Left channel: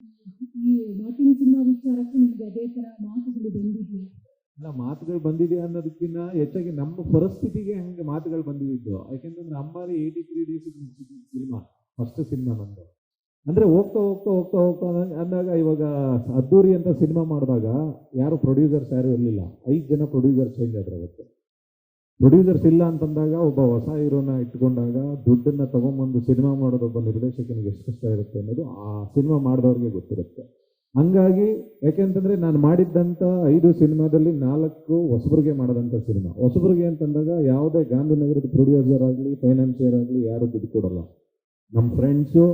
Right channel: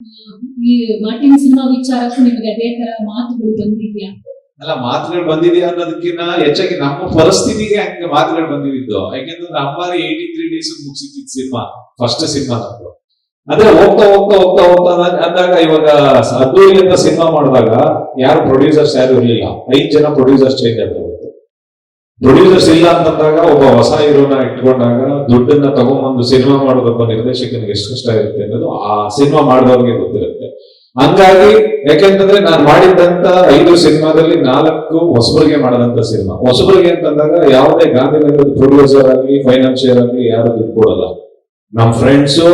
ಈ Martin cinema ವಿಚಾರಕ್ಕೂ ನಿಮಗೆ ಅದೇ ತರ ಮಾತುಗಳು ಬಂದಿದ್ಯಾ? ಅಲ್ಲ, ಮಾತುಗಳು ಬಂದಿದೆಯಾ ಅನ್ನೋದಕ್ಕಿಂತ ಹೆಚ್ಚಾಗಿ ನಮ್ಮ ಪರಿಸ್ಥಿತಿಗೆ ಹಂಗೆ ಮಾತುಗಳು ಬಂದಿದ್ದು. ಯಾಕೆಂದ್ರೆ ಅಂಬಾರಿ 83 ಡೇಸ್ ಮುಗಿಸಿದ್ದು ಸಿನಿಮಾ, ಫಸ್ಟ್ ಸಿನಿಮಾ ನಮ್ದು. ಅಂದ್ರೆ ಹೋಗ್ತಾ ಹೋಗ್ತಾ ಹೋಗ್ತಾ ಹೋಗ್ತಾ ಅಂದಾಗ ಇವಾಗ ಅದ್ದೂರಿ ಅಂತ ಸಿನಿಮಾ ಮಾಡಿದಾಗ ಯಾರು ಪ್ರೊಡ್ಯೂಸರ್ಸ್ ಯಾರು ಇರ್ಲಿಲ್ಲ. 5 ಜನ ಪ್ರೊಡ್ಯೂಸರ್ಸ್ ಚೇಂಜ್ ಆಗ್ತಾರೆ. ಪ್ರೊಡ್ಯೂಸರ್ಸ್ ಇಲ್ಲ ಅಂತಂದಾಗ ಒಬ್ಬ ಹೊಸ ಹೀರೋನ ಇಟ್ಕೊಂಡಾಗ ದುಡ್ಡನ್ನ ತಗೊಂಡ್ಬಂದು ಸಿನಿಮಾ ಮಾಡೋದೊಬ್ಬ ನಿರ್ದೇಶಕನಿಗೆ ಎಷ್ಟು ಕಷ್ಟ ಇರುತ್ತೆ ಅನ್ನೋದು ಆ ಸಿನಿಮಾ ಮಾಡಿದವ್ರಿಗೆ ಗೊತ್ತಿರುತ್ತೆ. ಹಂಗಾಗಿ ಯಾಕೆಂತಂದ್ರೆ ನಾನು ಮಾಡಿದಂತ 5 ಸಿನಿಮಾದಲ್ಲಿ 4 ಹೊಸಬರಿಗೆ ಮಾಡದಂತ ಸಿನಿಮಾ. ಹೊಸಬರಿಗೆ ಅಂತಂದಾಗ ಯಾವುದೇ ಗಾಂಧಿನಗರದ ಪ್ರೊಡ್ಯೂಸರ್ ಆಗಲಿ ಫೈನಾನ್ಷಿಯರ್ ಆಗಲಿ ಯಾರು ದುಡ್ಡು ಕೊಡಲ್ಲ. ನಮ್ಮ ಫ್ರೆಂಡ್ಸು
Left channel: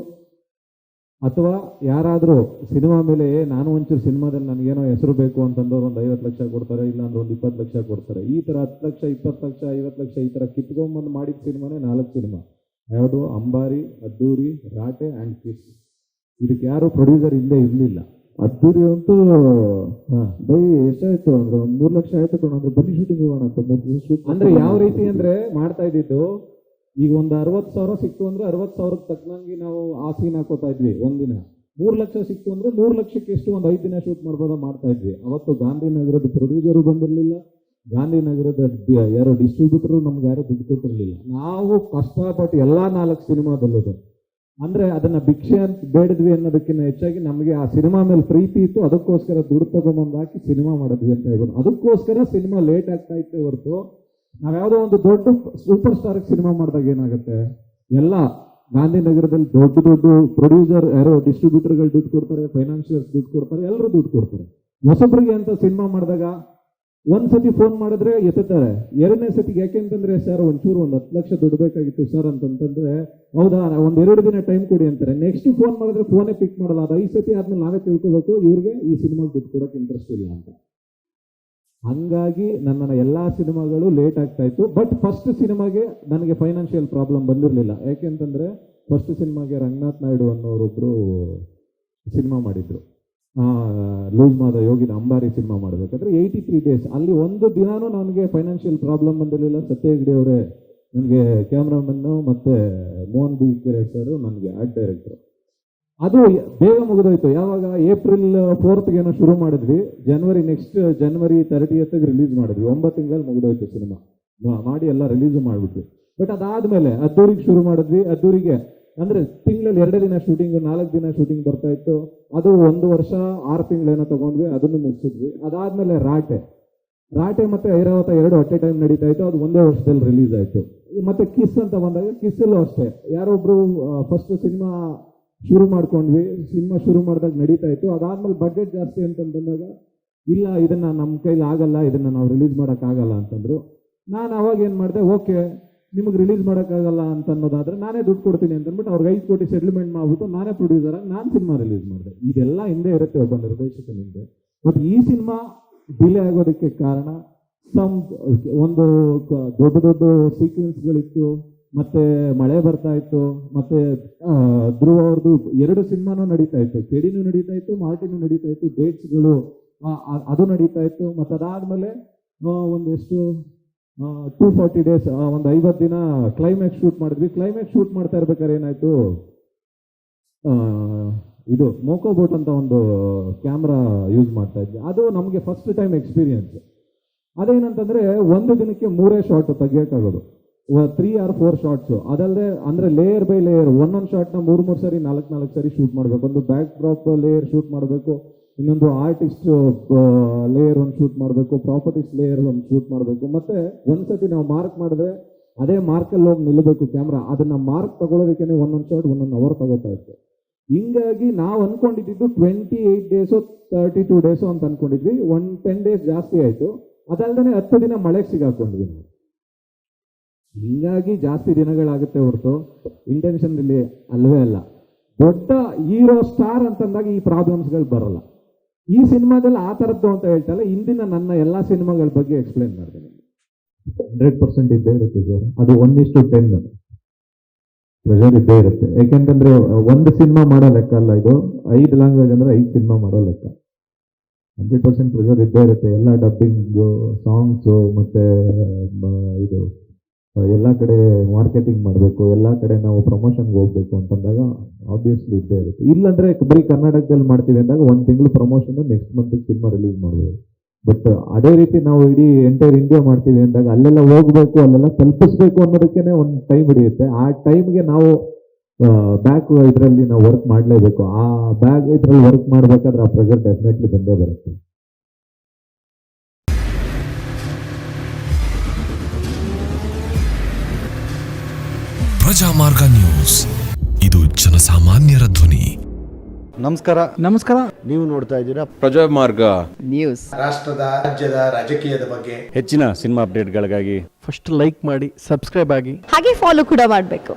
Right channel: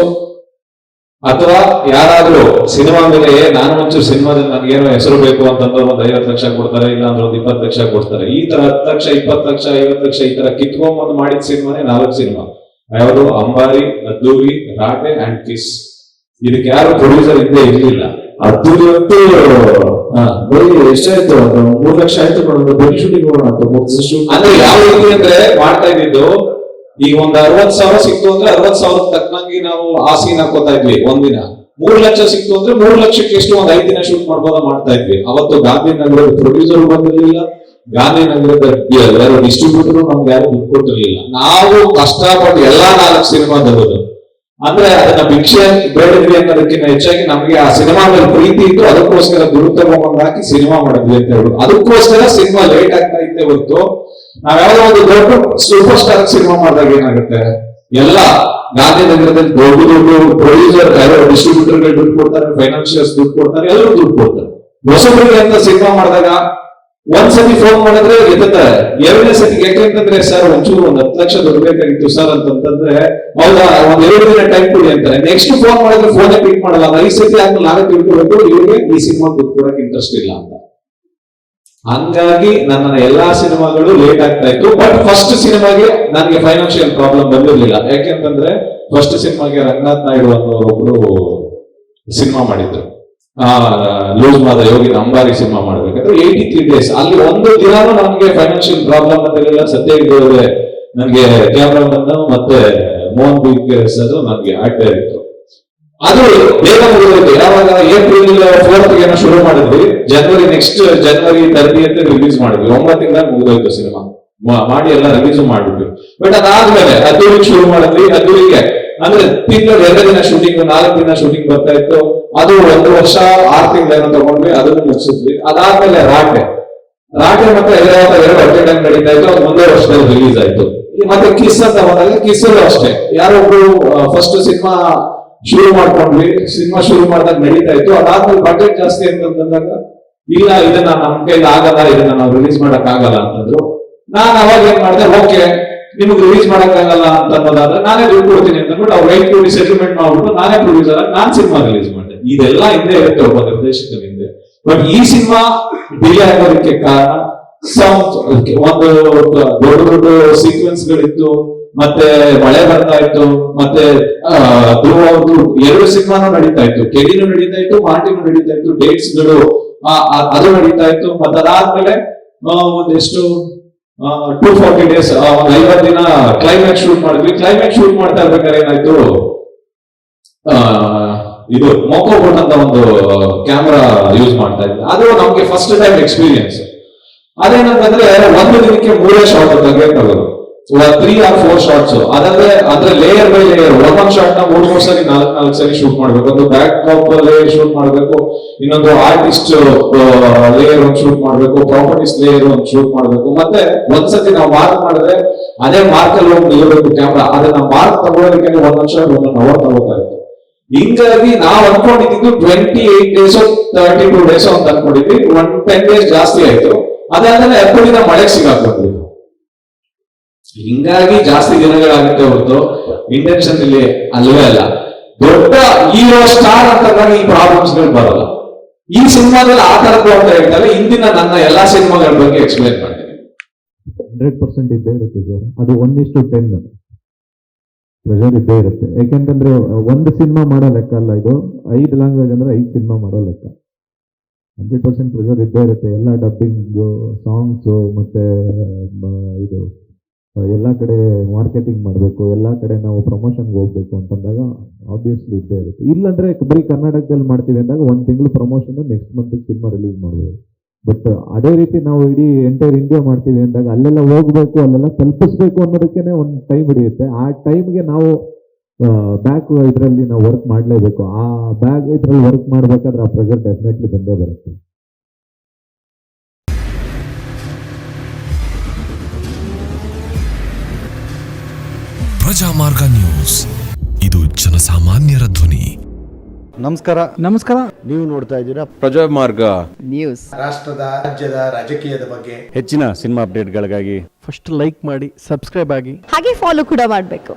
ಅಥವಾ ಯಾರಾದ್ರೂ ಸಿನಿಮಾ ಮೇಲೆ ನಾನು ಒಂಚೂರು ಸಿನಿಮಾದಲ್ಲಿ ನನಗೇನೋ ಹೆಸರು ಬೇಕು ಅಂತಂದ್ರೆ ಒಂದು 50 ಲಕ್ಷ ಕೊಡ್ತಾರೆ, ಇಲ್ಲ ಅಂದ್ರೆ ಒಂದು 20 ಲಕ್ಷ ಕೊಡ್ತಾರೆ. ಈ ತರ 10 ಲಕ್ಷ 20 ಲಕ್ಷ 50 ಲಕ್ಷ ಈ ತರ ಕಿತ್ಕೊಂಡ್ಬಂದು ಮಾಡಿದ ಸಿನಿಮಾನೇ 4 ಸಿನಿಮಾ. ಯಾವುದು? ಅಂಬಾರಿ, ಅದ್ದೂರಿ, ರಾಟೆ ಅಂಡ್ ಕಿಸ್. ಇದಕ್ಕೆ ಯಾರು ಪ್ರೊಡ್ಯೂಸರ್ ಇದ್ದೇ ಇರ್ಲಿಲ್ಲ. ಅದ್ದೂರಿ ಅಂತೂ ಎಷ್ಟಾಯ್ತು? 3 ಲಕ್ಷ ಆಯ್ತು ನೋಡೋದು. ಬರೀ ಶೂಟಿಂಗ್ ಹೋಗೋಣ ಅಂದ್ರೆ ಯಾವ ರೀತಿ ಅಂದ್ರೆ ಮಾಡ್ತಾ ಇದ್ದಿದ್ದು, ಈಗ ಒಂದ್ 60,000 ಸಿಕ್ತು ಅಂದ್ರೆ 60,000 ತಕ್ಕಂಗೆ ನಾವು ಆ ಸೀನ್ ಹಾಕೋತಾ ಇದ್ವಿ ಒಂದಿನ. 3 ಲಕ್ಷ ಸಿಕ್ತು ಅಂದ್ರೆ 3 ಲಕ್ಷಕ್ಕೆ ಎಷ್ಟು ಒಂದ್ 5 ದಿನ ಶೂಟ್ ಮಾಡ್ಬೋದ ಮಾಡ್ತಾ ಇದ್ವಿ. ಅವತ್ತು ಗಾಂಧಿನಗರದ ಪ್ರೊಡ್ಯೂಸರ್ ಬಂದಿರ್ಲಿಲ್ಲ, ಗಾಂಧಿನಗರದ ಡಿಸ್ಟ್ರಿಬ್ಯೂಟರ್ ನಮ್ಗೆ ಯಾರು ದುಡ್ಡು ಕೊಟ್ಟಿರ್ಲಿಲ್ಲ. ನಾವು ಕಷ್ಟಪಟ್ಟು ಎಲ್ಲಾ 4 ಸಿನಿಮಾ ತಗೋದು. ಅಂದ್ರೆ ಅದನ್ನ ಭಿಕ್ಷೆ ಬೇಡಿದ್ವಿ ಅನ್ನೋದಕ್ಕಿಂತ ಹೆಚ್ಚಾಗಿ ನಮ್ಗೆ ಆ ಸಿನಿಮಾ ಮೇಲೆ ಪ್ರೀತಿ ಇತ್ತು. ಅದಕ್ಕೋಸ್ಕರ ದುಡ್ಡು ತಗೊಂಡ್ ಹಾಕಿ ಸಿನಿಮಾ ಮಾಡಿದ್ವಿ ಅಂತ ಹೇಳುದು. ಅದಕ್ಕೋಸ್ಕರ ಸಿನಿಮಾ ಲೇಟ್ ಆಗ್ತಾ ಇತ್ತೆ ಹೊರತು ನಾವ್ಯಾವ್ದೋ ಒಂದು ದೊಡ್ಡ ಸೂಪರ್ ಸ್ಟಾರ್ ಸಿನಿಮಾ ಮಾಡಿದಾಗ ಏನಾಗುತ್ತೆ, ಎಲ್ಲ ಗಾಂಧಿನಗರದಲ್ಲಿ ದೊಡ್ಡ ದೊಡ್ಡ ಪ್ರೊಡ್ಯೂಸರ್ ಡಿಸ್ಟ್ರಿಬ್ಯೂಟರ್ಗೆ ದುಡ್ಡು ಕೊಡ್ತಾರೆ, ಫೈನಾನ್ಷಿಯರ್ಸ್ ದುಡ್ಡು ಕೊಡ್ತಾರೆ, ಎಲ್ಲರೂ ದುಡ್ಡು ಕೊಡ್ತಾರೆ. ಹೊಸಬರಿಗೆ ಅಂತ ಸಿನಿಮಾ ಮಾಡಿದಾಗ ಒಂದ್ಸತಿ ಫೋನ್ ಮಾಡಿದ್ರೆ ಎತ್ತಾರೆ. 2ನೇ ಸತಿಗೆ ಯಾಕೆಂತಂದ್ರೆ ಸರ್ ಒಂಚೂರು 10 ಲಕ್ಷ ದುಡ್ಡು ಬೇಕಾಗಿತ್ತು ಸರ್ ಅಂತಂದ್ರೆ, ಹೌದಾ ಒಂದ್ 2 ದಿನ ಟೈಮ್ ಕೊಡಿ ಅಂತಾರೆ. ನೆಕ್ಸ್ಟ್ ಫೋನ್ ಮಾಡಿದ್ರೆ ಫೋನೇ ಪಿಕ್ ಮಾಡಲ್ಲ. 5 ಸತಿ ಆದ್ಮೇಲೆ ನಾವೇ ದುಡ್ಡು ಕೊಡಬೇಕು, ಇವ್ರಿಗೆ ಈ ಸಿನಿಮಾ ದುಡ್ಡು ಕೊಡಕ್ಕೆ ಇಂಟ್ರೆಸ್ಟ್ ಇಲ್ಲ ಅಂತ. ಹಂಗಾಗಿ ನನ್ನ ಎಲ್ಲಾ ಸಿನಿಮಾಗಳು ಲೇಟ್ ಆಗ್ತಾ ಇತ್ತು. ಬಟ್ ಫಸ್ಟ್ ಸಿನಿಮಾಗೆ ನನಗೆ ಫೈನಾನ್ಷಿಯಲ್ ಪ್ರಾಬ್ಲಮ್ ಬಂದಿರಲಿಲ್ಲ. ಯಾಕೆಂತಂದ್ರೆ ಫಸ್ಟ್ ಸಿನಿಮಾಗೆ ರಂಗನಾಥ್ ನಾಯ್ಡು ಅನ್ನೋರೊಬ್ರು ಸಿನಿಮಾ ಮಾಡಿದ್ರು. ಲೂಸ್ ಮಾದ ಯೋಗಿನ ಅಂಬಾರಿ ಸಿನಿಮಾ ಮಾಡ್ಬೇಕಾದ್ರೆ 83 ಡೇಸ್ ಅಲ್ಲಿ ಒಂದು ದಿನಾನು ನನಗೆ ಫೈನಾನ್ಷಿಯಲ್ ಪ್ರಾಬ್ಲಮ್ ಅಂತಿರಲಿಲ್ಲ. ಸದ್ಯ ಇದ್ದವ್ರೆ ನನಗೆ ಕ್ಯಾಮ್ರಾಮನ್ ಮತ್ತೆ ಮೋಹನ್ ಬಿ ಸರ್ ನನಗೆ ಅಡ್ಡ ಇತ್ತು. ಅದು ಬೇಗ ಮುಗಿದೋಯ್ತು. ಯಾವಾಗ ಏಪ್ರಿಲ್ 4th ಏನೋ ಶುರು ಮಾಡಿದ್ವಿ, ನೆಕ್ಸ್ಟ್ ಜನವರಿ 30th ರಿಲೀಸ್ ಮಾಡಿದ್ವಿ. 9 ತಿಂಗಳ ಮುಗಿದೋಯ್ತು ಸಿನಿಮಾ ಮಾಡಿ ಎಲ್ಲ ರಿಲೀಸ್ ಮಾಡಿದ್ವಿ. ಬಟ್ ಅದಾದ್ಮೇಲೆ ಅದ್ದೂರಿಗೆ ಶುರು ಮಾಡಿದ್ವಿ. ಅದ್ದೂರಿಗೆ ಅಂದ್ರೆ ತಿಂಗಳು 2 ದಿನ ಶೂಟಿಂಗ್, 4 ದಿನ ಶೂಟಿಂಗ್ ಬರ್ತಾ ಇತ್ತು. ಅದು 1 ವರ್ಷ 6 ತಿಂಗಳೇನೋ ತಗೊಂಡ್ವಿ, ಅದನ್ನು ಮುಗಿಸಿದ್ವಿ. ಅದಾದ್ಮೇಲೆ ರಾಟೆ ಮತ್ತೆ ಹೈದರಾಬಾದ್ 2 ಅಟ್ ಟೈಮ್ ನಡೀತಾ ಇತ್ತು. ಅದು 1 ವರ್ಷದಲ್ಲಿ ರಿಲೀಸ್ ಆಯ್ತು. ಮತ್ತೆ ಕಿಸ್ ಅಂತ ಬಂದಾಗ ಕಿಸ್ಸಲ್ಲೂ ಅಷ್ಟೇ ಯಾರೊಬ್ರು ಫಸ್ಟ್ ಸಿನಿಮಾ ಶುರು ಮಾಡ್ಕೊಂಡ್ವಿ. ಸಿನಿಮಾ ಶುರು ಮಾಡಿದಾಗ ನಡೀತಾ ಇತ್ತು. ಅದಾದ್ಮೇಲೆ ಬಜೆಟ್ ಜಾಸ್ತಿ ಅಂತಂದಾಗ ಇಲ್ಲ ಇದನ್ನ ನಮ್ ಕೈಲಿ ಆಗಲ್ಲ, ಇದನ್ನ ನಾವು ರಿಲೀಸ್ ಮಾಡಕ್ ಆಗಲ್ಲ ಅಂತಂದ್ರು. ನಾನು ಅವಾಗ ಏನ್ ಮಾಡಿದೆ, ಓಕೆ ನಿಮ್ಗೆ ರಿಲೀಸ್ ಮಾಡಕ್ ಆಗಲ್ಲ ಅಂತ ಅನ್ನೋದಾದ್ರೆ ನಾನೇ ದುಡ್ಡು ಕೊಡ್ತೀನಿ ಅಂತ ಅಂದ್ಬಿಟ್ಟು ಅವ್ರು 5 ಕೋಟಿ ಸೆಟಲ್ಮೆಂಟ್ ಮಾಡ್ಬಿಟ್ಟು ನಾನೇ ಪ್ರೊಡ್ಯೂಸರ್ ಆಗಿ ನಾನ್ ಸಿನಿಮಾ ರಿಲೀಸ್ ಮಾಡಿದೆ. ಇದೆಲ್ಲ ಹಿಂದೆ ಇರುತ್ತೆ ಒಬ್ಬ ನಿರ್ದೇಶಕನ ಹಿಂದೆ. ಬಟ್ ಈ ಸಿನಿಮಾ ಡಿಲೇ ಆಗೋದಕ್ಕೆ ಕಾರಣ ಒಂದು ದೊಡ್ಡ ದೊಡ್ಡ ಸೀಕ್ವೆನ್ಸ್ ಗಳಿತ್ತು, ಮತ್ತೆ ಮಳೆ ಬರ್ತಾ ಇತ್ತು, ಮತ್ತೆ ಅವ್ರದ್ದು 2 ಸಿನಿಮಾನು ನಡೀತಾ ಇತ್ತು. ಕೆಡಿನೂ ನಡೀತಾ ಇತ್ತು, ಮಾರ್ಟಿನೂ ನಡೀತಾ ಇತ್ತು. ಡೇಟ್ಸ್ ಗಳು ಅದು ನಡೀತಾ ಇತ್ತು. ಮತ್ತೆ ಅದಾದ್ಮೇಲೆ ಒಂದೆಷ್ಟು 240 ಡೇಸ್, ಒಂದು 50 ದಿನ ಕ್ಲೈಮ್ಯಾಕ್ಸ್ ಶೂಟ್ ಮಾಡಿದ್ವಿ. ಕ್ಲೈಮ್ಯಾಕ್ಸ್ ಶೂಟ್ ಮಾಡ್ತಾ ಇರ್ಬೇಕಾದ್ರೆ ಏನಾಯ್ತು, ಇದು ಮೊಕೋಬೋಟ್ ಅಂತ ಒಂದು ಕ್ಯಾಮ್ರಾ ಯೂಸ್ ಮಾಡ್ತಾ ಇದ್ವಿ. ಅದು ನಮ್ಗೆ ಫಸ್ಟ್ ಟೈಮ್ ಎಕ್ಸ್ಪೀರಿಯನ್ಸ್. ಅದೇನಂತಂದ್ರೆ 1 ದಿನಕ್ಕೆ 3 ಶಾಟ್ ತೆಗೆಯೋದು, 3 or 4 ಶಾರ್ಟ್ಸ್. ಅದಂದ್ರೆ ಅಂದ್ರೆ ಲೇಯರ್ ಬೈ ಲೇಯರ್, ಒಂದೊಂದು ಶಾರ್ಟ್ ನ 3 ಸರಿ 4 ಸರಿ ಶೂಟ್ ಮಾಡ್ಬೇಕು. ಒಂದು ಬ್ಯಾಕ್ ಡ್ರಾಪ್ ಲೇಯರ್ ಶೂಟ್ ಮಾಡ್ಬೇಕು, ಇನ್ನೊಂದು ಆರ್ಟಿಸ್ಟ್ ಲೇಯರ್ ಒಂದು ಶೂಟ್ ಮಾಡ್ಬೇಕು, ಪ್ರಾಪರ್ಟೀಸ್ ಲೇಯರ್ ಒಂದು ಶೂಟ್ ಮಾಡ್ಬೇಕು. ಮತ್ತೆ ಒಂದ್ಸತಿ ನಾವು ಮಾರ್ಕ್ ಮಾಡಿದ್ರೆ ಅದೇ ಮಾರ್ಕ್ ಅಲ್ಲಿ ಹೋಗಿ ನಿಲ್ಲಬೇಕು ಕ್ಯಾಮ್ರಾ. ಅದನ್ನ ಮಾರ್ಕ್ ತಗೊಳ್ಳೋದಕ್ಕೆ 1 ನಿಮಿಷ 1 ಅವರ್ ತಗೋತಾ ಇತ್ತು. ಹಿಂಗಾಗಿ ನಾವು ಅನ್ಕೊಂಡಿದ್ದು 28 ಡೇಸ್ 32 ಡೇಸ್ ಅಂತ ಅನ್ಕೊಂಡಿದ್ವಿ. 10 ಡೇಸ್ ಜಾಸ್ತಿ ಆಯ್ತು. ಅದಾದ್ಮೇಲೆ 10 ದಿನ ಮಳೆಗೆ ಸಿಗಾಕೊಂಡ್ವಿ. ಹಿಂಗಾಗಿ ಜಾಸ್ತಿ ದಿನಗಳಾಗುತ್ತೆ ಹೊರತು ಇಂಟೆನ್ಷನ್ ಇಲ್ಲಿ ಅಲ್ಲವೇ ಅಲ್ಲ. ದೊಡ್ಡ ಹೀರೋ ಸ್ಟಾರ್ ಅಂತಂದಾಗ ಈ ಪ್ರಾಬ್ಲಮ್ಸ್ ಗಳು ಬರಲ್ಲ. ಈ ಸಿನಿಮಾದಲ್ಲಿ ಆ ತರದ್ದು ಅಂತ ಹೇಳ್ತಾರೆ. ಹಿಂದಿನ ನನ್ನ ಎಲ್ಲಾ ಸಿನಿಮಾಗಳ ಬಗ್ಗೆ ಎಕ್ಸ್ಪ್ಲೈನ್ ಮಾಡ್ತೀನಿ. 100% ಇದ್ದೇ ಇರುತ್ತೆ ಸರ್. ಅದು 1:10 ಪ್ರೆಷರ್ ಇದ್ದೇ ಇರುತ್ತೆ. ಯಾಕೆಂತಂದ್ರೆ ಒಂದು ಸಿನಿಮಾ ಮಾಡೋ ಲೆಕ್ಕ ಅಲ್ಲ ಇದು. 5 ಲ್ಯಾಂಗ್ವೇಜ್ ಅಂದ್ರೆ 5 ಸಿನಿಮಾ ಮಾಡೋ ಲೆಕ್ಕ. 100% ಪ್ರೆಷರ್ ಇದ್ದೇ ಇರುತ್ತೆ. ಎಲ್ಲ ಡಬ್ಬಿಂಗ್, ಸಾಂಗ್ಸ್, ಮತ್ತೆ ಇದು ಎಲ್ಲ ಕಡೆ ಮಾರ್ಕೆಟಿಂಗ್ ಮಾಡಬೇಕು, ಎಲ್ಲ ಕಡೆ ನಾವು ಪ್ರಮೋಷನ್ಗೆ ಹೋಗ್ಬೇಕು ಅಂತಂದಾಗ ಆಬ್ವಿಯಸ್ಲಿ ಇದ್ದೇ ಇರುತ್ತೆ. ಇಲ್ಲಾಂದ್ರೆ ಬರೀ ಕರ್ನಾಟಕದಲ್ಲಿ ಮಾಡ್ತೀವಿ ಅಂದಾಗ 1 ತಿಂಗಳು promotion, next month cinema release ಮಾಡ್ಬೋದು. ಬಟ್ ಅದೇ ರೀತಿ ನಾವು ಇಡೀ ಎಂಟೈರ್ ಇಂಡಿಯಾ ಮಾಡ್ತೀವಿ ಅಂದಾಗ ಅಲ್ಲೆಲ್ಲ ಹೋಗ್ಬೇಕು, ಅಲ್ಲೆಲ್ಲ ತಲುಪಿಸ್ಬೇಕು ಅನ್ನೋದಕ್ಕೇನೆ ಒಂದು ಟೈಮ್ ಹಿಡಿಯುತ್ತೆ. ಆ ಟೈಮ್ಗೆ ನಾವು ಬ್ಯಾಕ್ ಇದರಲ್ಲಿ ನಾವು ವರ್ಕ್ ಮಾಡಲೇಬೇಕು. ಆ ಬ್ಯಾಕ್ ಇದರಲ್ಲಿ ವರ್ಕ್ ಮಾಡಬೇಕಾದ್ರೆ ಆ ಪ್ರೆಷರ್ ಡೆಫಿನೆಟ್ಲಿ ಬಂದೇ ಬರುತ್ತೆ. ಪ್ರಜಾಮಾರ್ಗ ನ್ಯೂಸ್, ಇದು ಜನಸಾಮಾನ್ಯರ ಧ್ವನಿ. ನಮಸ್ಕಾರ. ನೀವು ನೋಡ್ತಾ ಇದ್ದೀರಾ ಪ್ರಜಾಮಾರ್ಗ ನ್ಯೂಸ್. ರಾಷ್ಟ್ರದ, ರಾಜ್ಯದ ರಾಜಕೀಯದ ಬಗ್ಗೆ ಹೆಚ್ಚಿನ ಸಿನಿಮಾ ಅಪ್ಡೇಟ್ಗಳಿಗಾಗಿ ಫಸ್ಟ್ ಲೈಕ್ ಮಾಡಿ, ಸಬ್ಸ್ಕ್ರೈಬ್ ಆಗಿ, ಹಾಗೆ ಫಾಲೋ ಕೂಡ ಮಾಡಬೇಕು.